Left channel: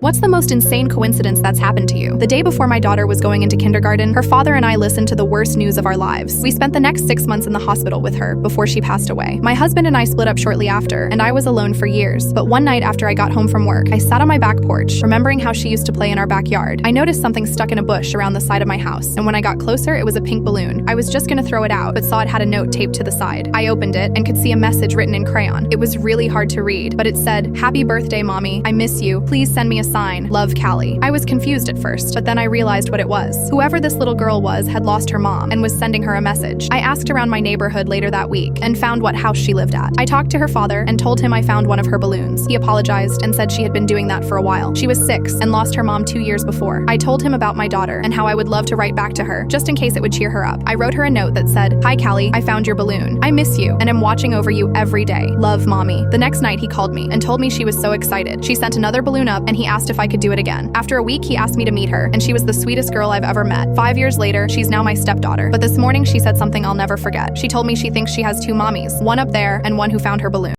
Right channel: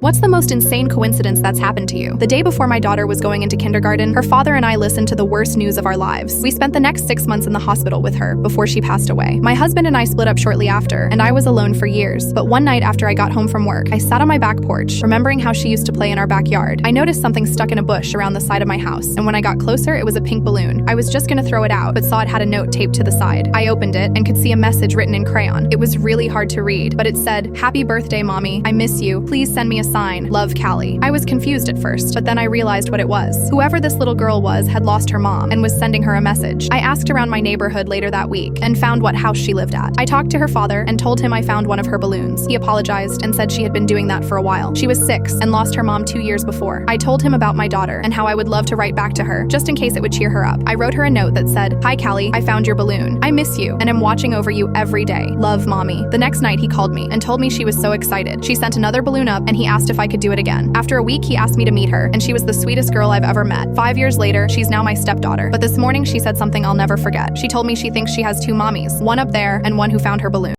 What's the most insane coincidence that's happened to you? The day before my daughter was going into kindergarten, her father and I listened to the worst news of our lives. We spent the next 6 months in the hospital with her before she passed away. My husband and I split up shortly after, and I was alone for years. But one night after I got home from work, I sat on my back porch, remembering how she used to play in our backyard. I noticed something stuck in a bush around the side of my house, and when I got closer, it was a pink balloon. I was just gonna throw it out, but saw it had a note taped to the side. I opened it and could see a message written in crayon. It was really hard to read, but it said, "Happy birthday, Mommy. I miss you. Please send me a sign. Love, Callie." I was confused at first, but then I realized what it was. Whoever this little girl was had lost her mom and was sending her a message. I asked around my neighborhood later that week and found what house she lived at. I talked to her father and told him I found one of her balloons. He apologized and said she had been doing that for a while. She was 6 and lost her mom 2 years before. I told him about my daughter and how I would love to write back to her, just in case it would cheer her up. I wrote her a note that said, "Hi Callie, I found your balloon. I miss you and am watching over you every day. Love, Mommy." The next night he called me and told me she was so excited. She sent another balloon up and he asked if I could do it again. After a week, he asked me to meet her, and she was the sweetest girl I've ever met. 5 years later, she's now my stepdaughter. But this morning she said something I'll never forget. She told me she thinks she has 2 mommies, one up there and one who found her balloon.